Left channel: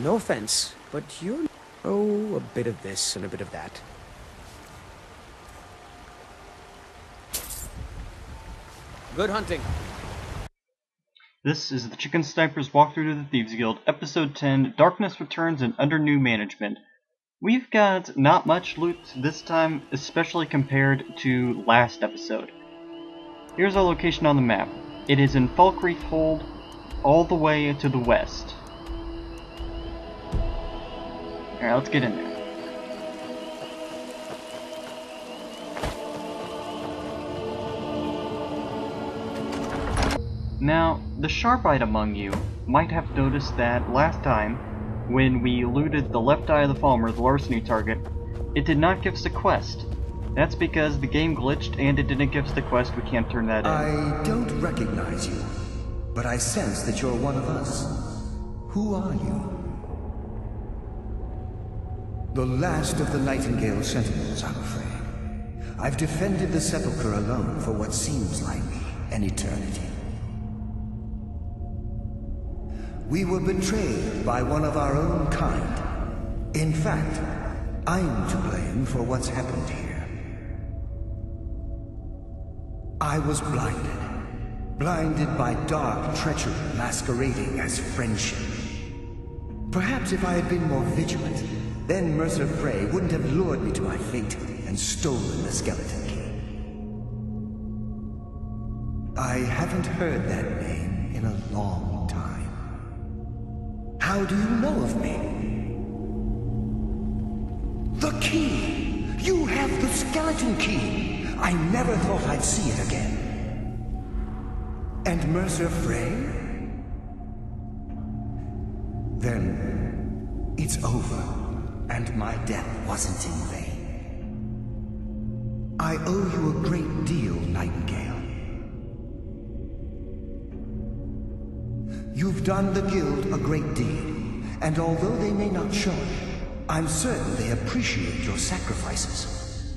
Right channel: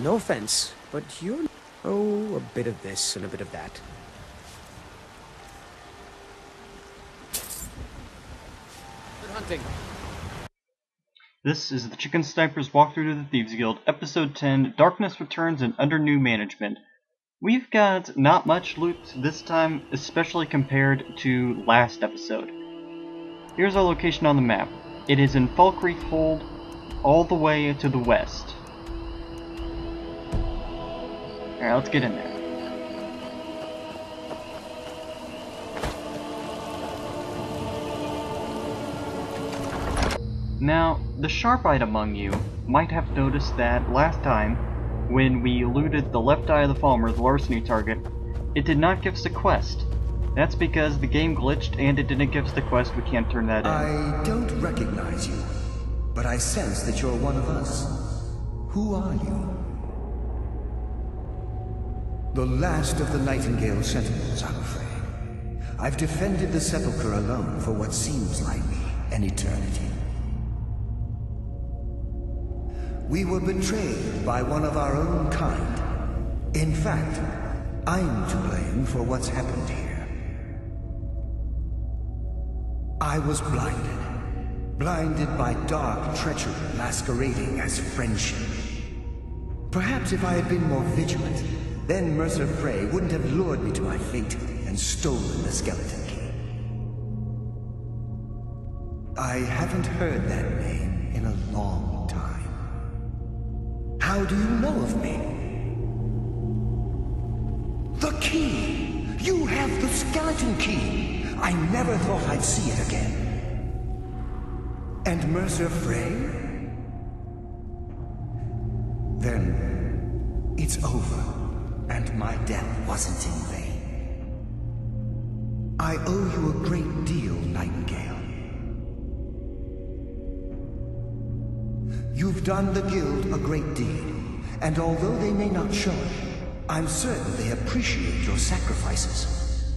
No offense, but you're... Oh, a bit of this and a bit of that. Good hunting. This is the Chicken Sniper's Walkthrough to the Thieves Guild, Episode 10, Darkness Returns and Under New Management. We've got not much loot this time, especially compared to last episode. Here's our location on the map. It is in Falkreath Hold, all the way to the west. Alright, let's get in there. Now, the sharp-eyed among you might have noticed that last time, when we looted the left eye of the Falmer, the larceny target, it did not give us a quest. That's because the game glitched and it didn't give us the quest. We can't turn that in. I don't recognize you, but I sense that you're one of us. Who are you? The last of the Nightingale Sentinels, I'm afraid. I've defended the Sepulchre alone for what seems like an eternity. We were betrayed by one of our own kind. In fact, I'm to blame for what's happened here. I was blinded by dark treachery masquerading as friendship. Perhaps if I had been more vigilant, then Mercer Frey wouldn't have lured me to my fate and stolen the skeleton key. I haven't heard that name in a long time. How do you know of me? The key! You have the skeleton key! I never thought I'd see it again. And Mercer Frey? Then it's over, and my death wasn't in vain. I owe you a great deal, Nightingale. You've done the Guild a great deed, and although they may not show it, I'm certain they appreciate your sacrifices.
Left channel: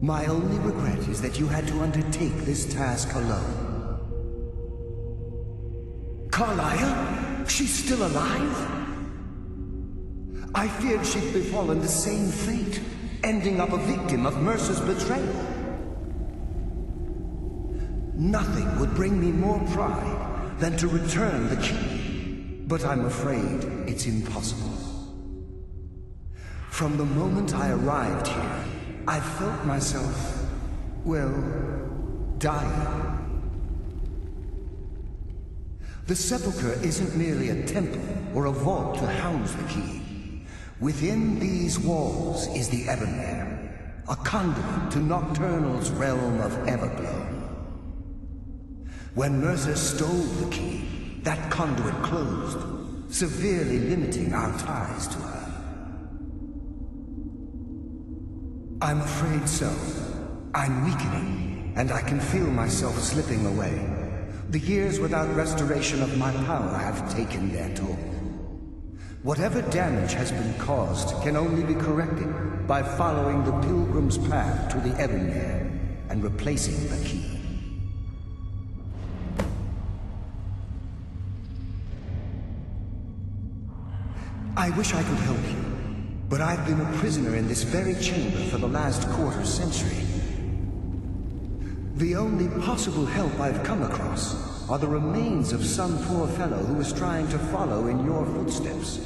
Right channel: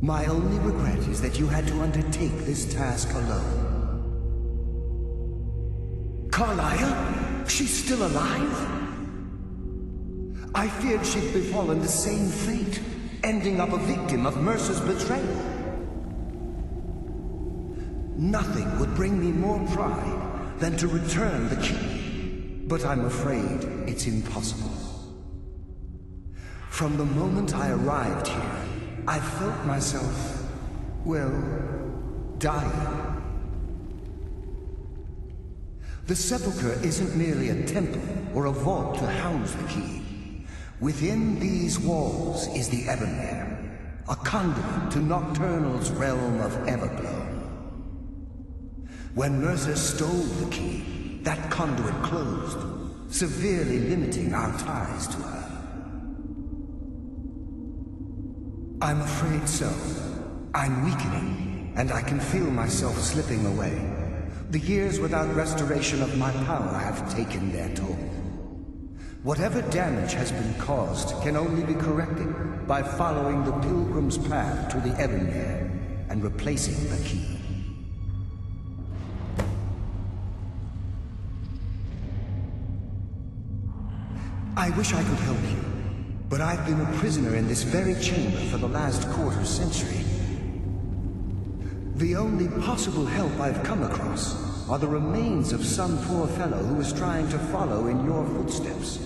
My only regret is that you had to undertake this task alone. Carlia? She's still alive? I feared she'd befallen the same fate, ending up a victim of Mercer's betrayal. Nothing would bring me more pride than to return the key, but I'm afraid it's impossible. From the moment I arrived here, I felt myself, well, dying. The Sepulchre isn't merely a temple or a vault to house the key. Within these walls is the Ebonmere, a conduit to Nocturnal's realm of Everglow. When Mercer stole the key, that conduit closed, severely limiting our ties to her. I'm afraid so. I'm weakening, and I can feel myself slipping away. The years without restoration of my power have taken their toll. Whatever damage has been caused can only be corrected by following the Pilgrim's path to the Ebonmere and replacing the key. I wish I could help you, but I've been a prisoner in this very chamber for the last quarter century. The only possible help I've come across are the remains of some poor fellow who is trying to follow in your footsteps.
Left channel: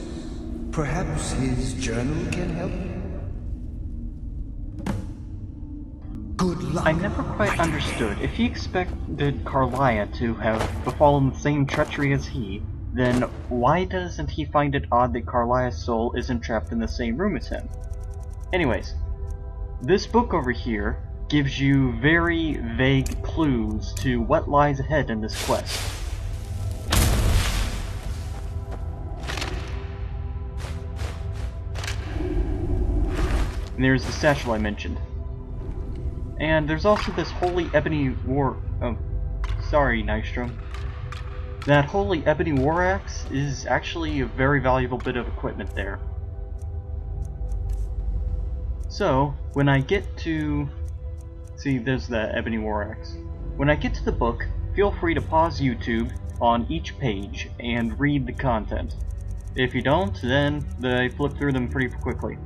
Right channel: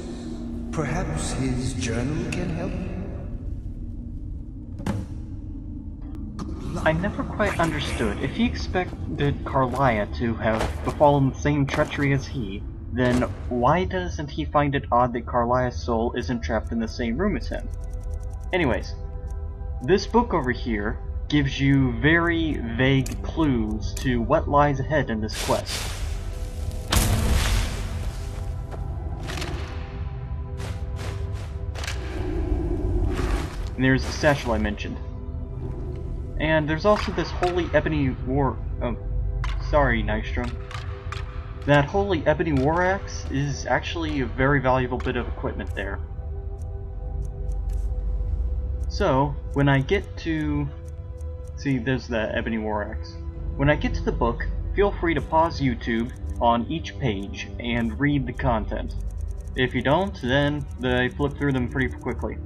Perhaps his journal can help? Good luck. I never quite understood. If he expected Carlia to have befallen the same treachery as he, then why doesn't he find it odd that Carlia's soul isn't trapped in the same room as him? Anyways, this book over here gives you very vague clues to what lies ahead in this quest. And there's the satchel I mentioned. And there's also this holy ebony sorry, Nystrom. That holy ebony war axe is actually a very valuable bit of equipment there. So, when I get to... See, there's the ebony war axe. When I get to the book, feel free to pause YouTube on each page and read the content. If you don't, then they flip through them pretty quickly.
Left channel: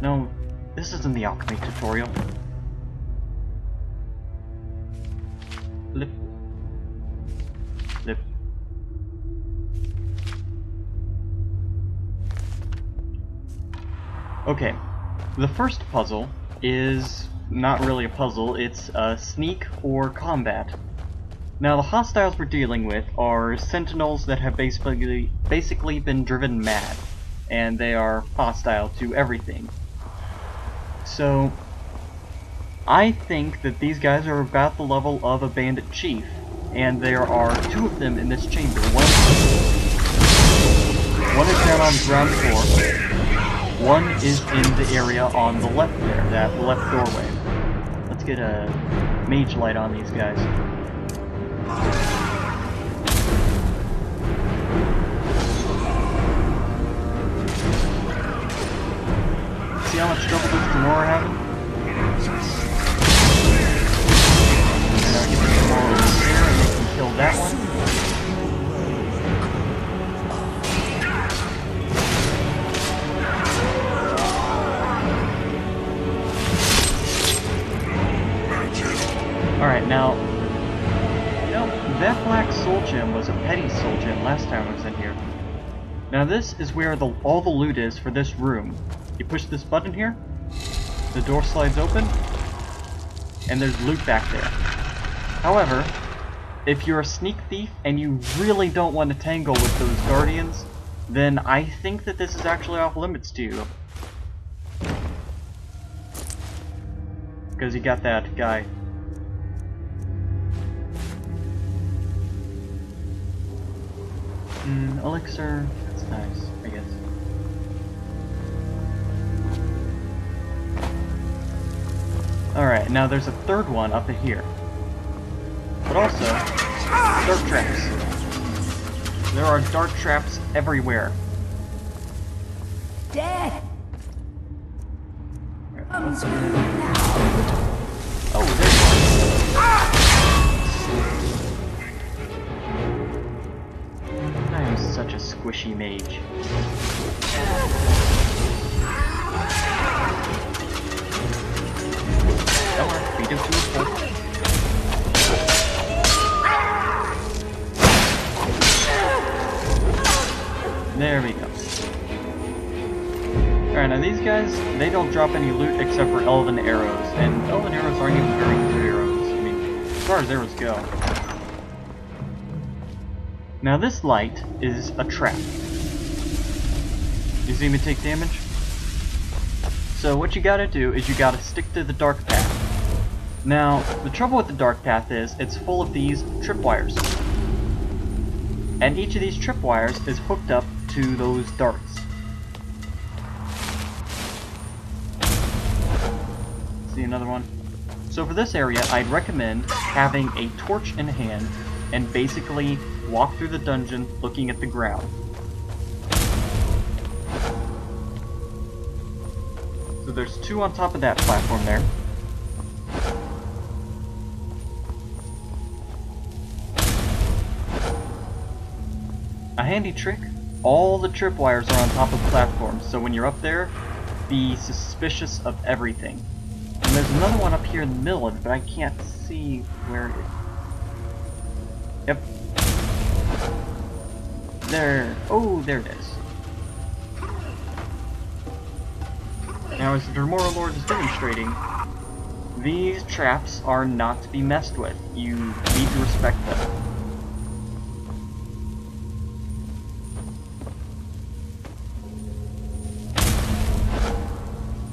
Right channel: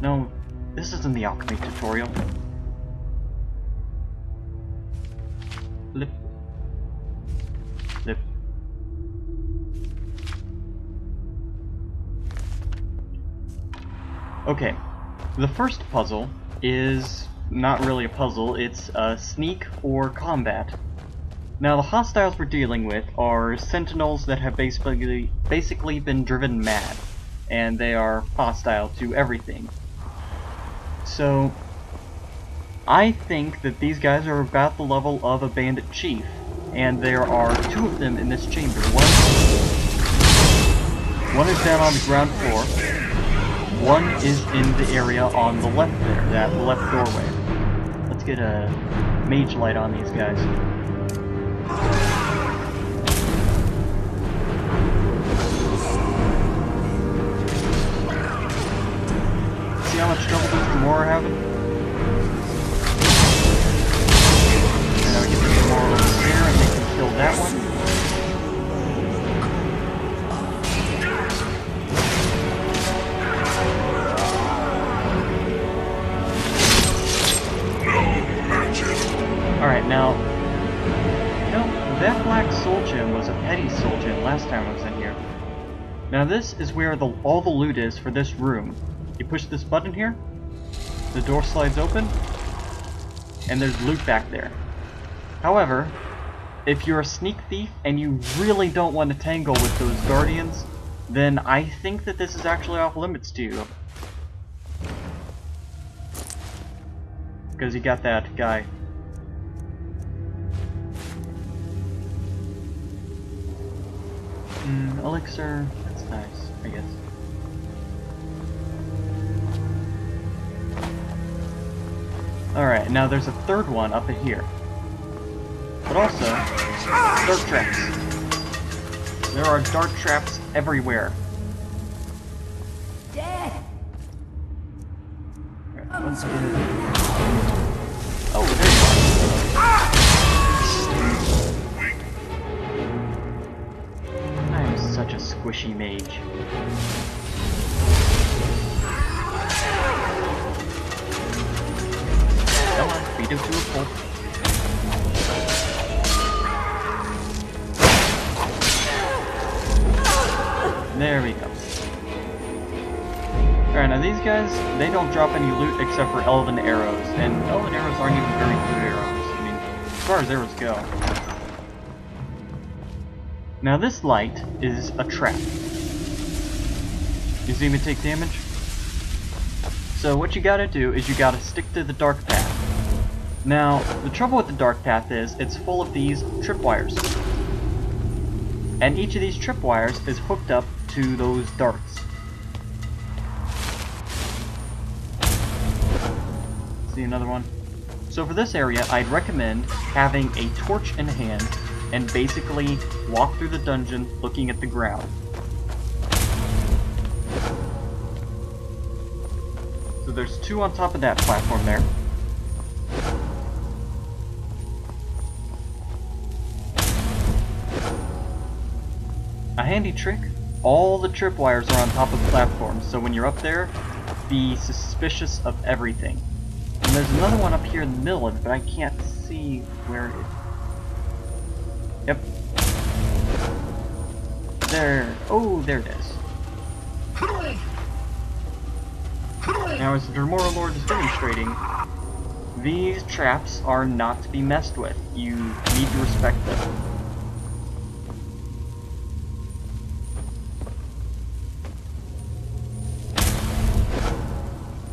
No, this isn't the alchemy tutorial. Flip. Flip. Okay, the first puzzle is not really a puzzle, it's a sneak or combat. Now the hostiles we're dealing with are sentinels that have basically been driven mad, and they are hostile to everything. So, I think that these guys are about the level of a bandit chief, and there are two of them in this chamber. One is down on the ground floor, one is in the area on the left there, that left doorway. Let's get a mage light on these guys. See how much trouble this Gamora are having? And I'll get the Gamora over there and they can kill that one. Alright, now, you know, that black soul gem was a petty soul gem last time I was in here. Now this is where all the loot is for this room. You push this button here, the door slides open, and there's loot back there. However, if you're a sneak thief and you really don't want to tangle with those guardians, then I think that this is actually off limits to you. Because you got that guy. Elixir, that's nice, I guess. Alright, now there's a third one up in here. But also, dart traps. There are dart traps everywhere. Dad! Oh, there you are. Hello. I am such a squishy mage. Come on, beat him to a pulp. There we go. Alright, now these guys, they don't drop any loot except for elven arrows, and elven arrows aren't even very good arrows. I mean, as far as arrows go. Now this light is a trap. You see me take damage? So what you gotta do is you gotta stick to the dark path. Now, the trouble with the dark path is it's full of these tripwires. And each of these tripwires is hooked up to those darts. See another one? So for this area, I'd recommend having a torch in hand and basically walk through the dungeon looking at the ground. So there's two on top of that platform there. A handy trick, all the tripwires are on top of platforms, so when you're up there, be suspicious of everything. And there's another one up here in the middle of it, but I can't see where it... Yep. There. Oh, there it is. Now, as the Dremora Lord is demonstrating, these traps are not to be messed with. You need to respect them.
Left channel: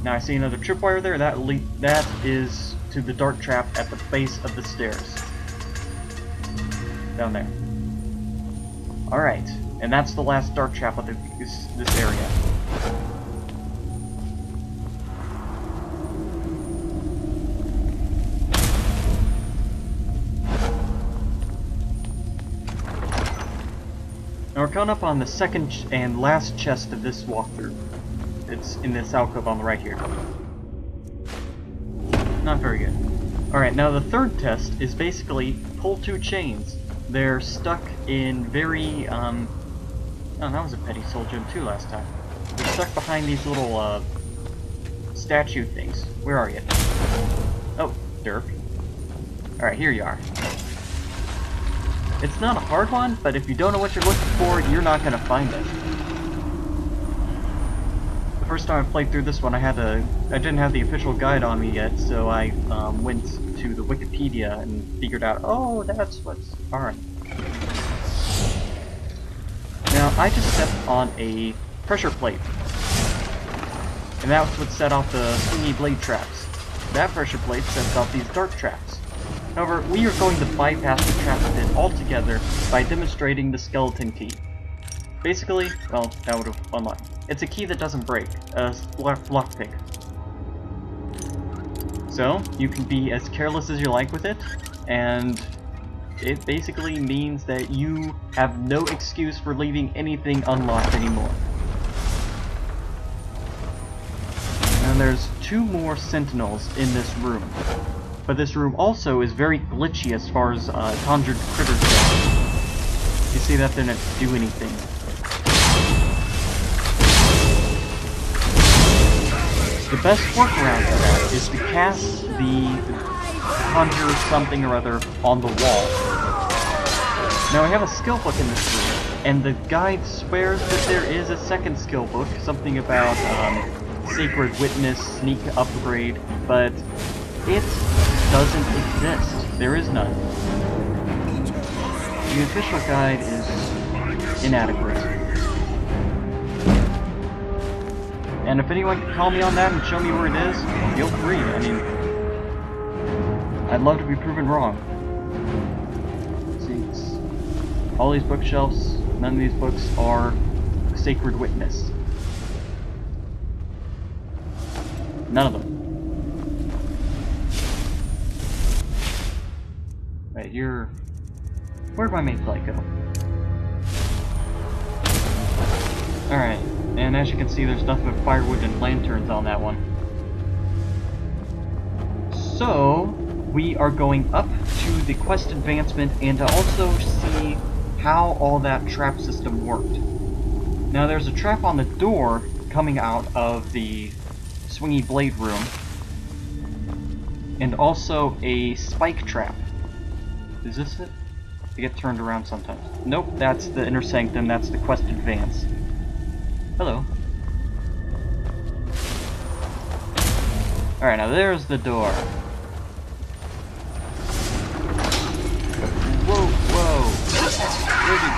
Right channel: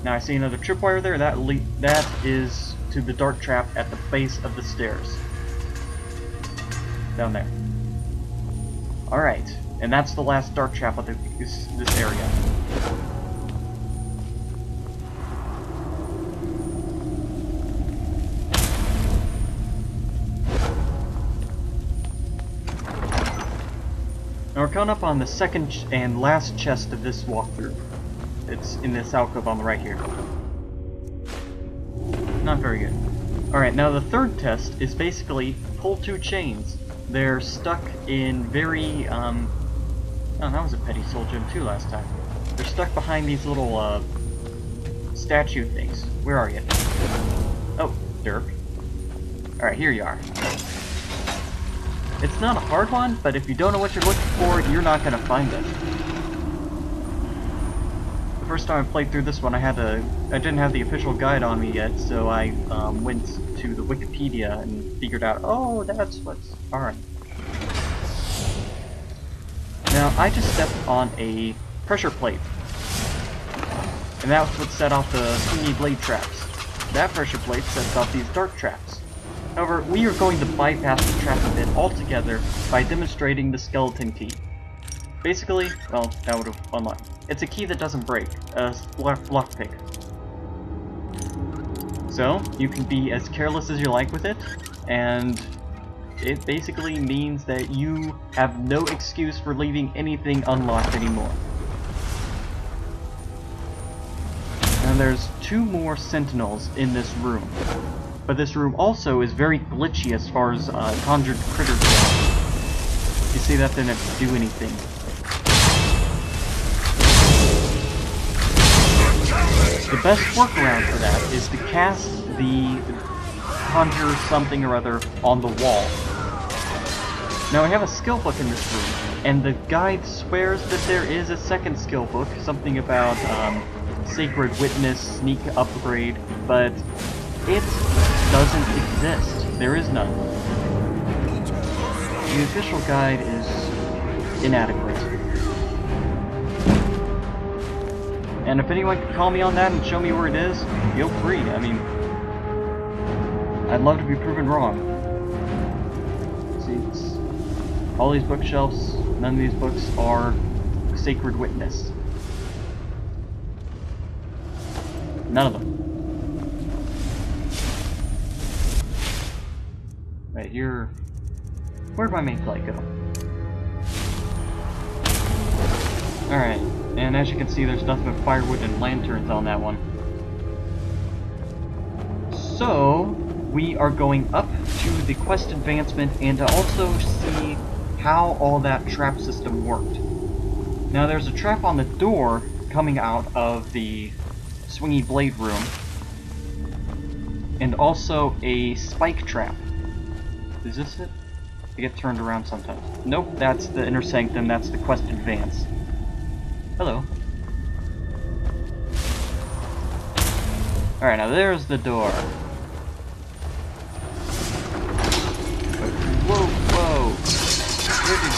Now I see another tripwire there. That is to the dark trap at the base of the stairs. Down there. Alright, and that's the last dark trap of this area. Now we're coming up on the second and last chest of this walkthrough. It's in this alcove on the right here. Not very good. Alright, now the third test is basically pull two chains. They're stuck in very Oh, that was a petty soul gem too last time. They're stuck behind these little, statue things. Where are you? Oh, derp. Alright, here you are. It's not a hard one, but if you don't know what you're looking for, you're not gonna find it. The first time I played through this one, I didn't have the official guide on me yet, so I went to the Wikipedia and figured out, oh, that's what's... Alright. Now, I just stepped on a pressure plate. And that's what set off the swingy blade traps. That pressure plate sets off these dark traps. However, we are going to bypass the trap a bit altogether by demonstrating the skeleton key. Basically, well, that would have unlocked. It's a key that doesn't break, a lockpick. So, you can be as careless as you like with it, and it basically means that you have no excuse for leaving anything unlocked anymore. Now there's 2 more sentinels in this room. But this room also is very glitchy as far as conjured critters go. You see that they didn't do anything. The best workaround for that is to cast the conjure something or other on the wall. Now I have a skill book in this room, and the guide swears that there is a second skill book, something about Sacred Witness, Sneak Upgrade, but it doesn't exist. There is none. The official guide is inadequate. And if anyone can call me on that and show me where it is, feel free. I mean, I'd love to be proven wrong. See, it's all these bookshelves, none of these books are Sacred Witness. None of them. Right, here. Where'd my main flight go? Alright, and as you can see, there's nothing but firewood and lanterns on that one. So, we are going up to the quest advancement and to also see how all that trap system worked. Now, there's a trap on the door coming out of the swingy blade room, and also a spike trap. Is this it? I get turned around sometimes. Nope, that's the inner sanctum, that's the quest advance. Hello. Alright, now there's the door. Whoa, whoa! Where did...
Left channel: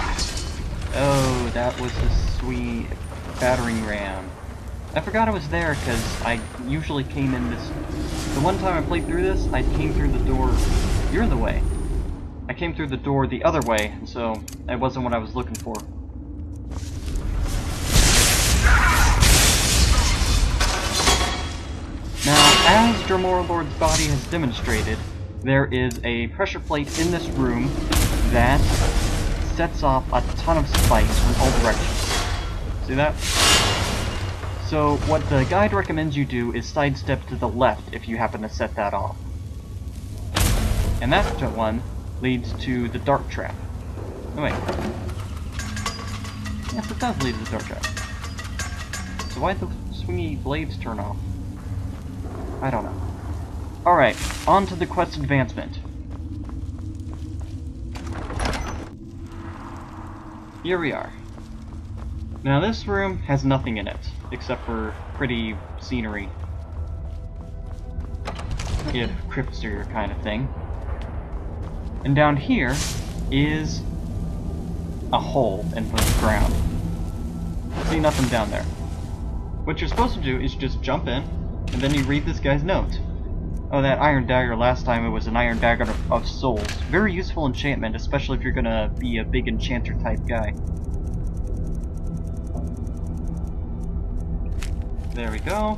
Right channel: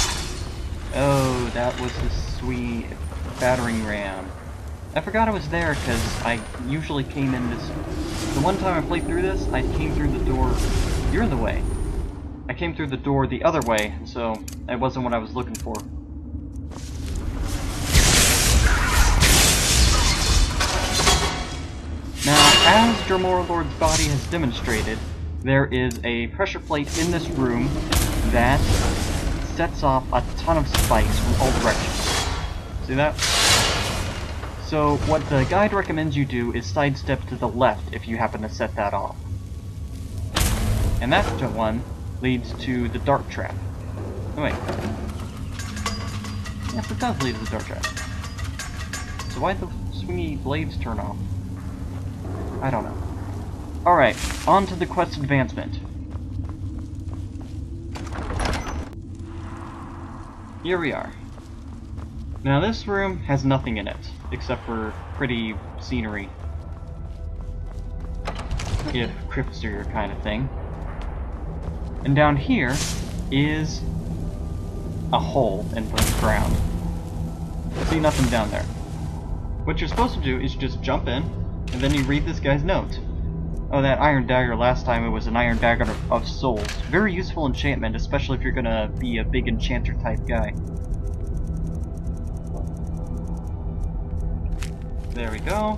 Oh, that was the sweet battering ram. I forgot it was there, because I usually came in this... The one time I played through this, I came through the door... You're in the way. I came through the door the other way, so it wasn't what I was looking for. Now, as Dromora Lord's body has demonstrated, there is a pressure plate in this room that sets off a ton of spikes from all directions. See that? So, what the guide recommends you do is sidestep to the left if you happen to set that off. And that one leads to the dark trap. Oh wait. Yes, it does lead to the dark trap. So why'd the swingy blades turn off? I don't know. Alright, on to the quest advancement. Here we are. Now this room has nothing in it, except for pretty scenery. If cryptster kind of thing. And down here is a hole in the ground. See, nothing down there. What you're supposed to do is just jump in, and then you read this guy's note. Oh, that iron dagger, last time it was an iron dagger of souls. Very useful enchantment, especially if you're gonna be a big enchanter type guy. There we go.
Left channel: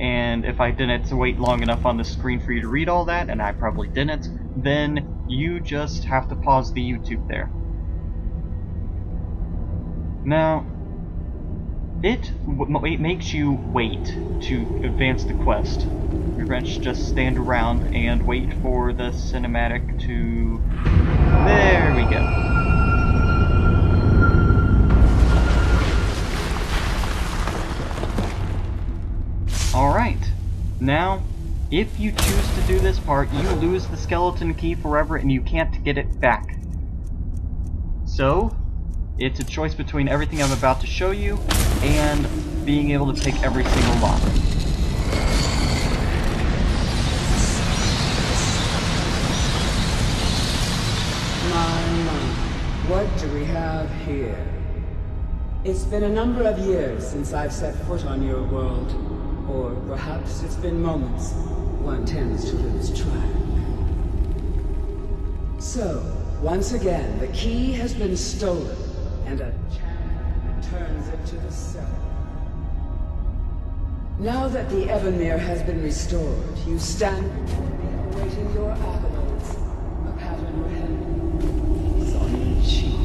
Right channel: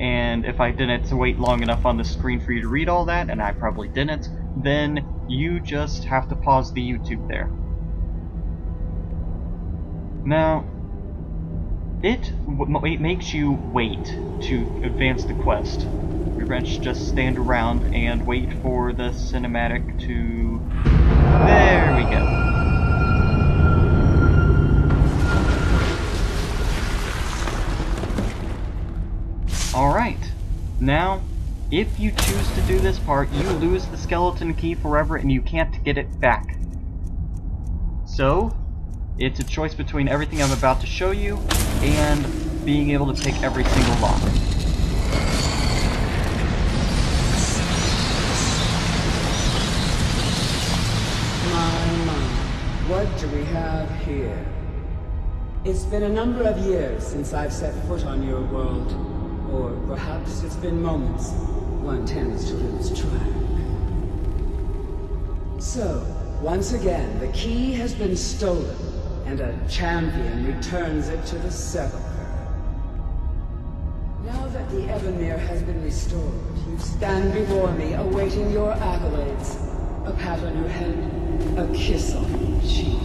And if I didn't wait long enough on the screen for you to read all that, and I probably didn't, then you just have to pause the YouTube there. Now, it makes you wait to advance the quest. Your wrench just stand around and wait for the cinematic to... There we go. Alright, now, if you choose to do this part, you lose the skeleton key forever and you can't get it back. So, it's a choice between everything I'm about to show you and being able to pick every single lock. My, what do we have here? It's been a number of years since I've set foot on your world. Or perhaps it's been moments. One tends to lose track. So, once again, the key has been stolen, and a champion returns it to the Sepulchre. Now that the Ebonmere has been restored, you stand before me awaiting your accolades. A pat on your head, a kiss on your cheek.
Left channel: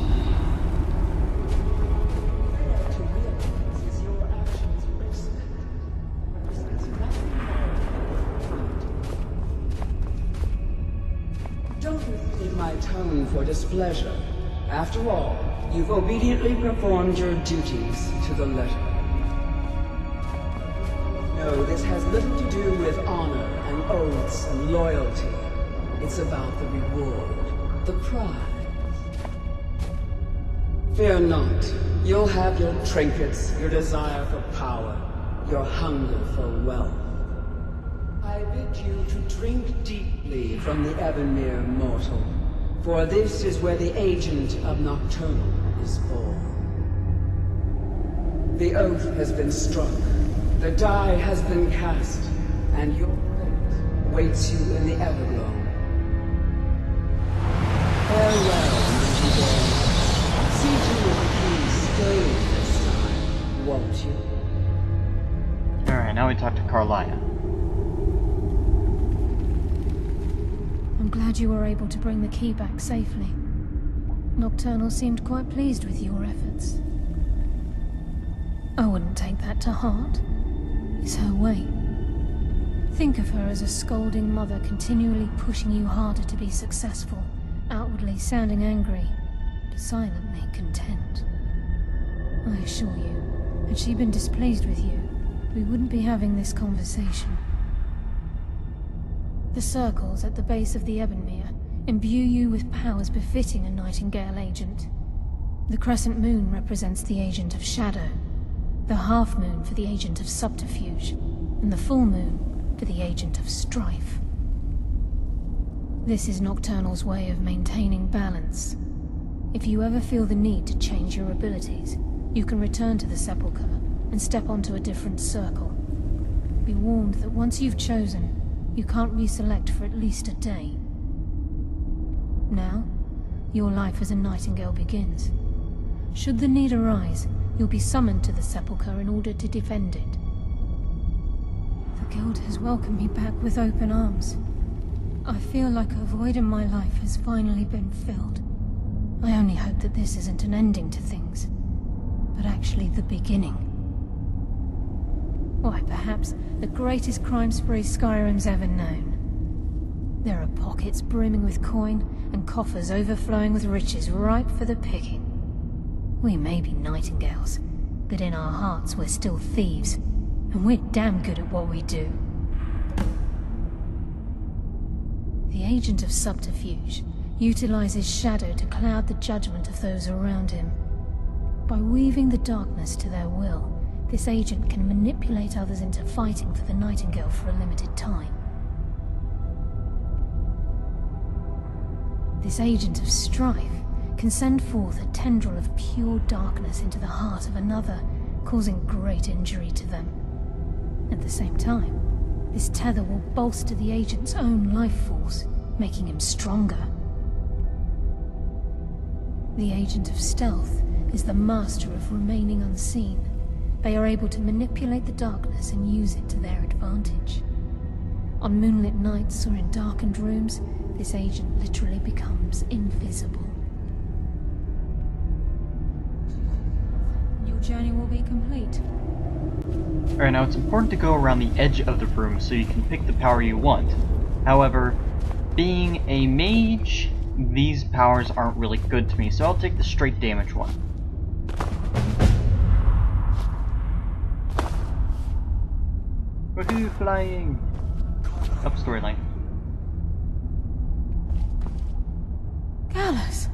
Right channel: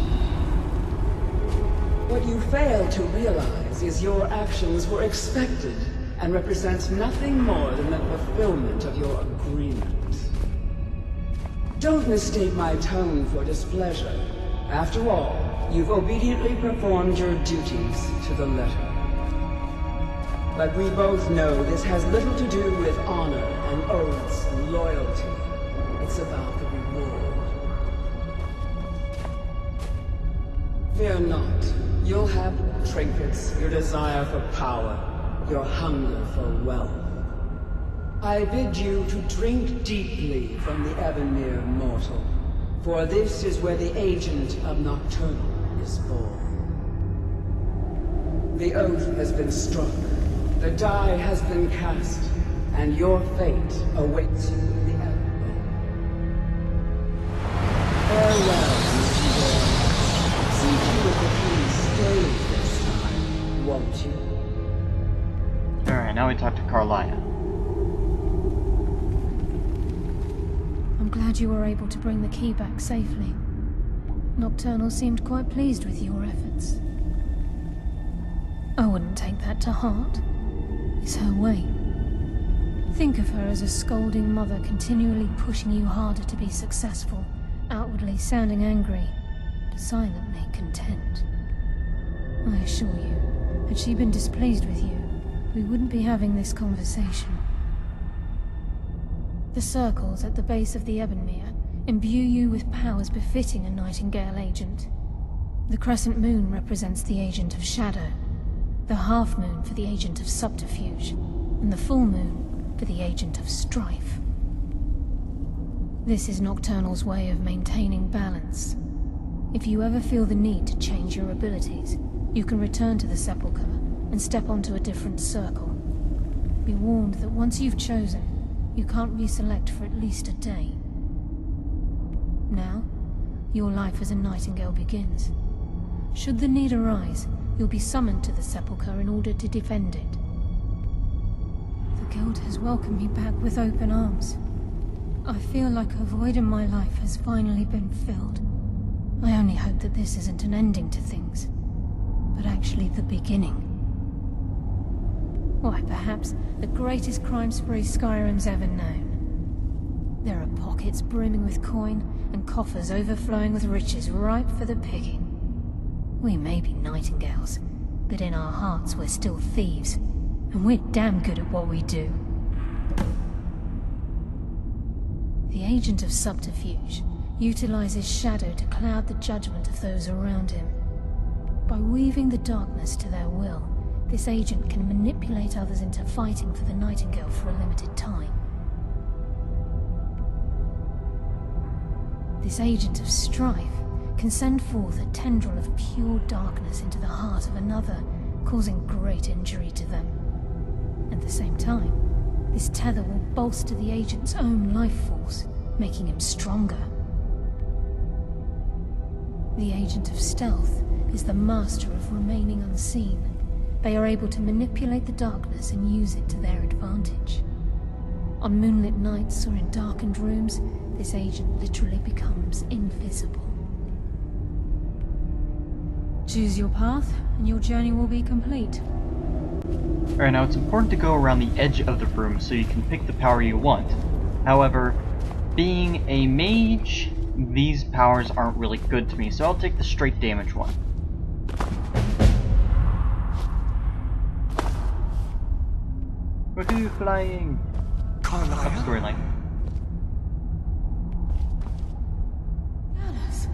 What you fail to realize is your actions were expected and represent nothing more than the fulfillment of your agreement. Don't mistake my tone for displeasure. After all, you've obediently performed your duties to the letter. But we both know this has little to do with honor and oaths and loyalty. It's about the reward, the prize. Fear not. You'll have your trinkets, your desire for power, your hunger for wealth. I bid you to drink deeply from the Ebonmere mortal, for this is where the agent of Nocturnal is born. The oath has been struck, the die has been cast, and your fate awaits you in the Everglow. Farewell, Nightingale. See to it the key stays this time, won't you? Alright, now we talk to Carlia. I'm glad you were able to bring the key back safely. Nocturnal seemed quite pleased with your efforts. I wouldn't take that to heart. It's her way. Think of her as a scolding mother continually pushing you harder to be successful, outwardly sounding angry, but silently content. I assure you, had she been displeased with you, we wouldn't be having this conversation. The circles at the base of the Ebonmere imbue you with powers befitting a Nightingale agent. The crescent moon represents the agent of shadow, the half moon for the agent of subterfuge, and the full moon for the agent of strife. This is Nocturnal's way of maintaining balance. If you ever feel the need to change your abilities, you can return to the Sepulchre and step onto a different circle. Be warned that once you've chosen, you can't reselect for at least a day. Now, your life as a Nightingale begins. Should the need arise, you'll be summoned to the Sepulchre in order to defend it. The Guild has welcomed me back with open arms. I feel like a void in my life has finally been filled. I only hope that this isn't an ending to things, but actually the beginning. Why, perhaps the greatest crime spree Skyrim's ever known. There are pockets brimming with coin, and coffers overflowing with riches ripe for the picking. We may be Nightingales, but in our hearts we're still thieves, and we're damn good at what we do. The agent of subterfuge utilizes shadow to cloud the judgment of those around him. By weaving the darkness to their will, this agent can manipulate others into fighting for the Nightingale for a limited time. This agent of strife can send forth a tendril of pure darkness into the heart of another, causing great injury to them. At the same time, this tether will bolster the agent's own life force, making him stronger. The agent of stealth is the master of remaining unseen. They are able to manipulate the darkness and use it to their advantage. On moonlit nights or in darkened rooms, this agent literally becomes invisible. Choose your path, and your journey will be complete. Alright, now it's important to go around the edge of the room so you can pick the power you want. However, being a mage, these powers aren't really good to me, so I'll take the straight damage one. Woohoo, flying! Up storyline. Gallus!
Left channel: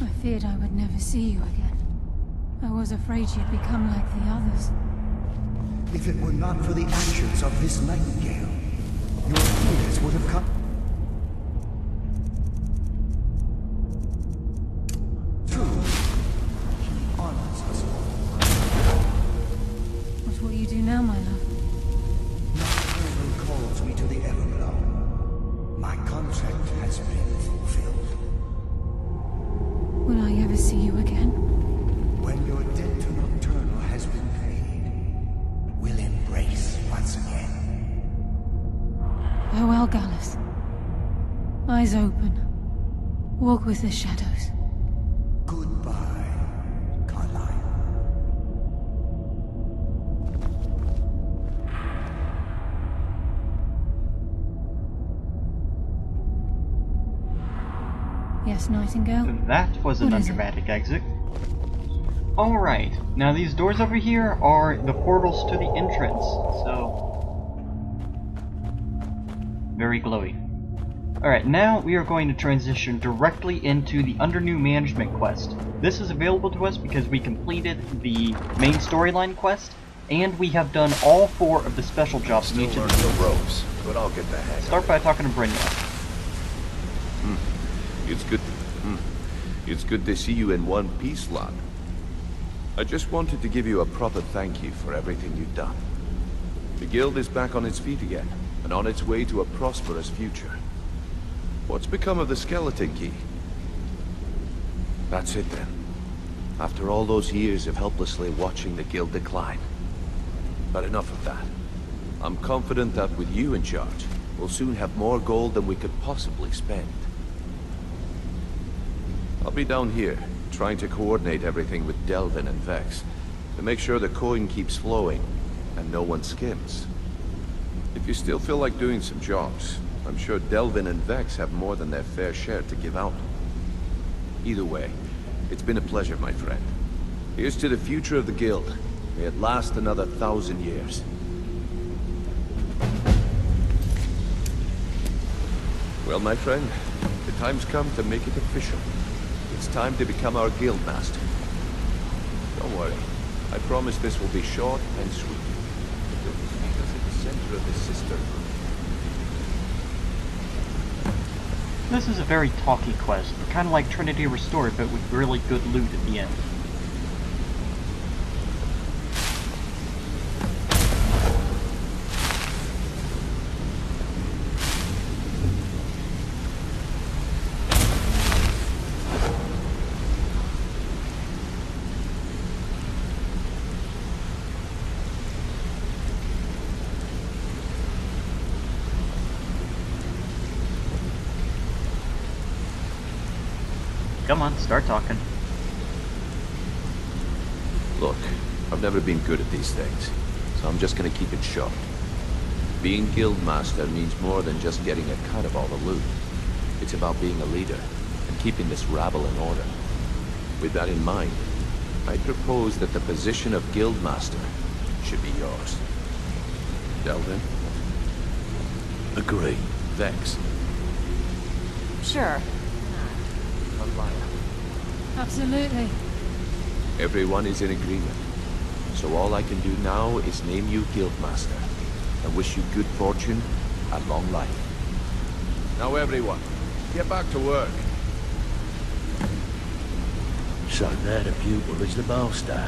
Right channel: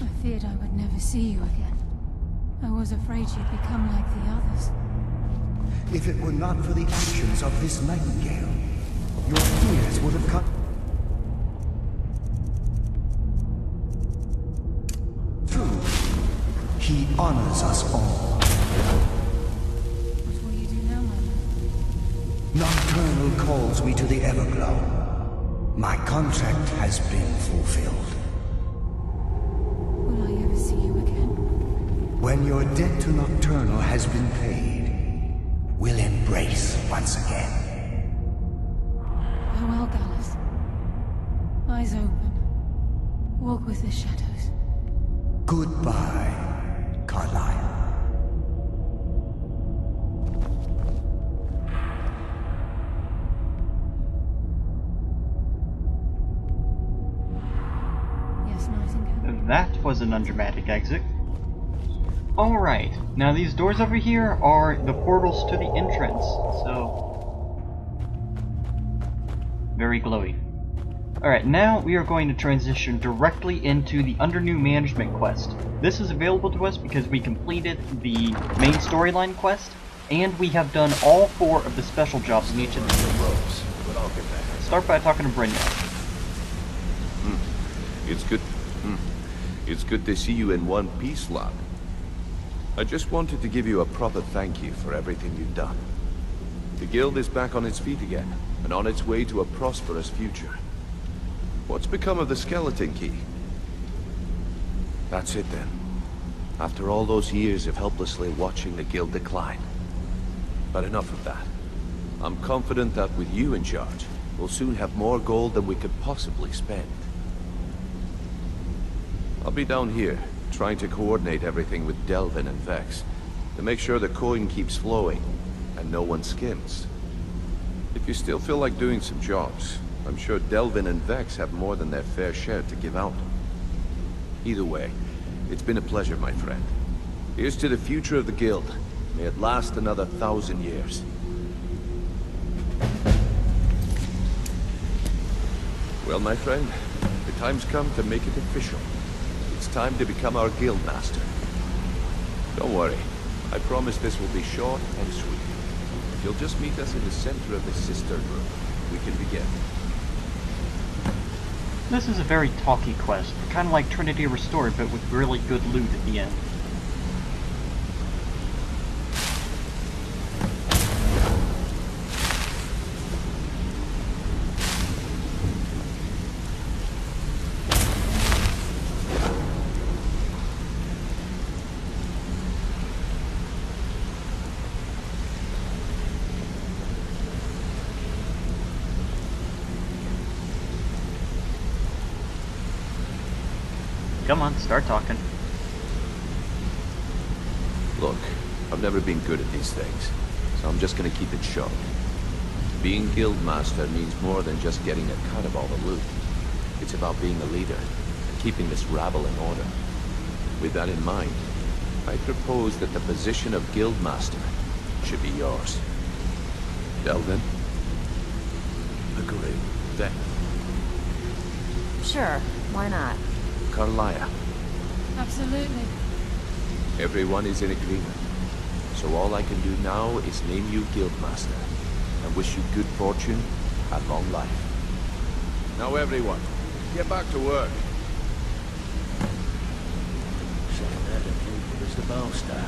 I feared I would never see you again. I was afraid you'd become like the others. If it were not for the actions of this nightingale, your fears would have come true. He honors us all. What will you do now, my love? Nocturnal calls me to the Everglow. My contract has been fulfilled. Will I ever see you again? When your debt to Nocturnal has been paid, we'll embrace once again. Farewell, Gallus. Eyes open. Walk with the shadows. Goodbye, Carlyle. Yes, Nightingale? That was an What is it? undramatic exit. Alright, now these doors over here are the portals to the entrance, so... very glowy. Alright, now we are going to transition directly into the Under New Management quest. This is available to us because we completed the main storyline quest, and we have done all 4 of the special jobs in each of the scenes. Start by talking to Brynja. It's good to see you in one piece, lad. I just wanted to give you a proper thank you for everything you've done. The guild is back on its feet again, and on its way to a prosperous future. What's become of the skeleton key? That's it then. After all those years of helplessly watching the guild decline. But enough of that. I'm confident that with you in charge, we'll soon have more gold than we could possibly spend. I'll be down here, trying to coordinate everything with Delvin and Vex, to make sure the coin keeps flowing, and no one skims. If you still feel like doing some jobs, I'm sure Delvin and Vex have more than their fair share to give out. Either way, it's been a pleasure, my friend. Here's to the future of the guild. May it last another 1,000 years. Well, my friend, the time's come to make it official. It's time to become our guild master. Don't worry, I promise this will be short and sweet. If you'll just meet us at the center, we can begin. This is a very talky quest, but kind of like Trinity Restored, but with really good loot at the end. Come on, start talking. Look, I've never been good at these things, so I'm just gonna keep it short. Being guildmaster means more than just getting a cut of all the loot. It's about being a leader, and keeping this rabble in order. With that in mind, I propose that the position of guildmaster should be yours. Delvin? Agree. Vex? Sure, why not? Carlaya? Absolutely. Everyone is in agreement. So all I can do now is name you guildmaster, and wish you good fortune and long life. Now everyone, get back to work. So glad a few bullets the boss died.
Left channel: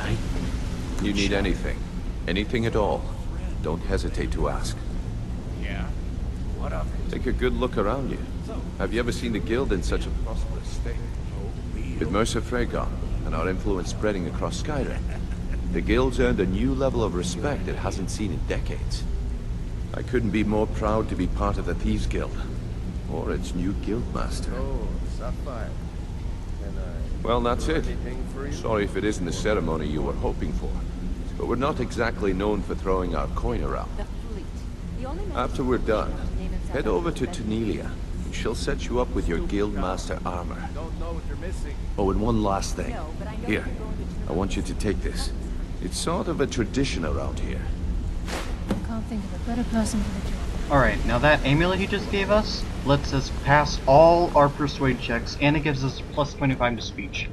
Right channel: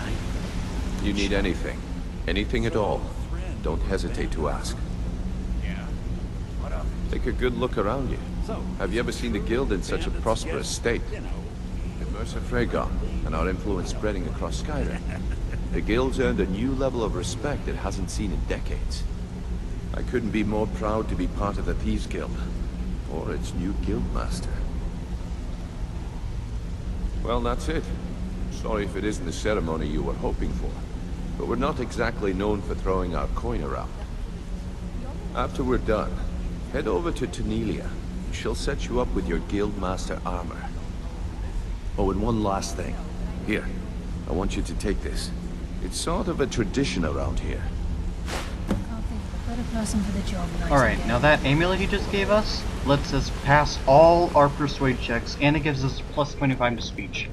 You need anything, anything at all, don't hesitate to ask. Yeah? What of it? Take a good look around you. Have you ever seen the guild in such a prosperous state? With Mercer Frey gone, and our influence spreading across Skyrim, the guild's earned a new level of respect it hasn't seen in decades. I couldn't be more proud to be part of the Thieves Guild, or its new guildmaster. Well, that's it. Sorry if it isn't the ceremony you were hoping for, but we're not exactly known for throwing our coin around. After we're done, head over to Tanelia, and she'll set you up with your guildmaster armor. Oh, and one last thing. Here, I want you to take this. It's sort of a tradition around here. Alright, now that amulet he just gave us lets us pass all our persuade checks, and it gives us plus 25 to speech.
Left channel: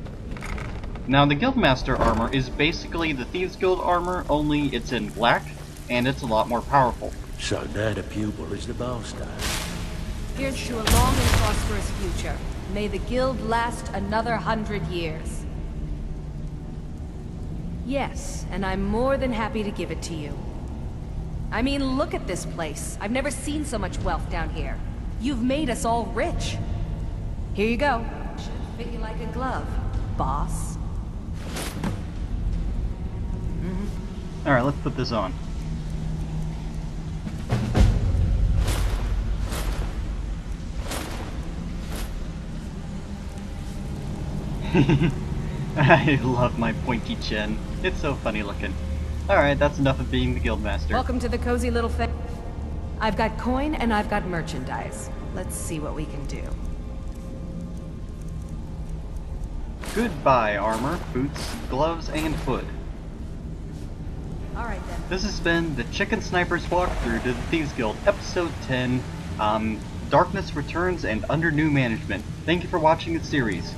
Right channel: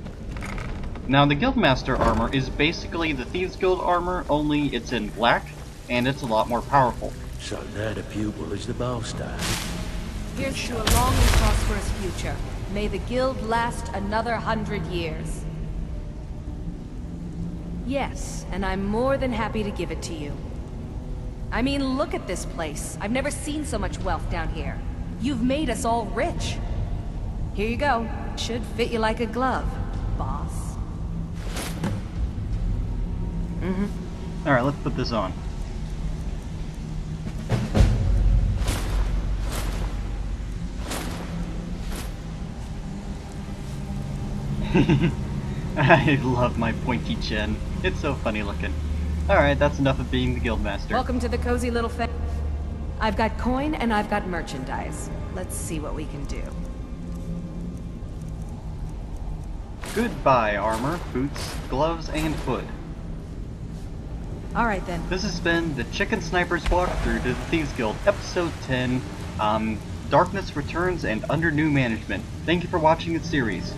Now the Guildmaster armor is basically the Thieves Guild armor, only it's in black, and it's a lot more powerful. Here's to a long and prosperous future. May the guild last another 100 years. Yes, and I'm more than happy to give it to you. I mean, look at this place. I've never seen so much wealth down here. You've made us all rich. Here you go. Should fit you like a glove, boss. Alright, let's put this on. I love my pointy chin. It's so funny looking. Alright, that's enough of being the Guildmaster. Welcome to the cozy little I've got coin and I've got merchandise. Let's see what we can do. Goodbye, armor, boots, gloves, and hood. Alright then. This has been the Chicken Sniper's walkthrough to the Thieves Guild, Episode 10, Darkness Returns and Under New Management. Thank you for watching the series.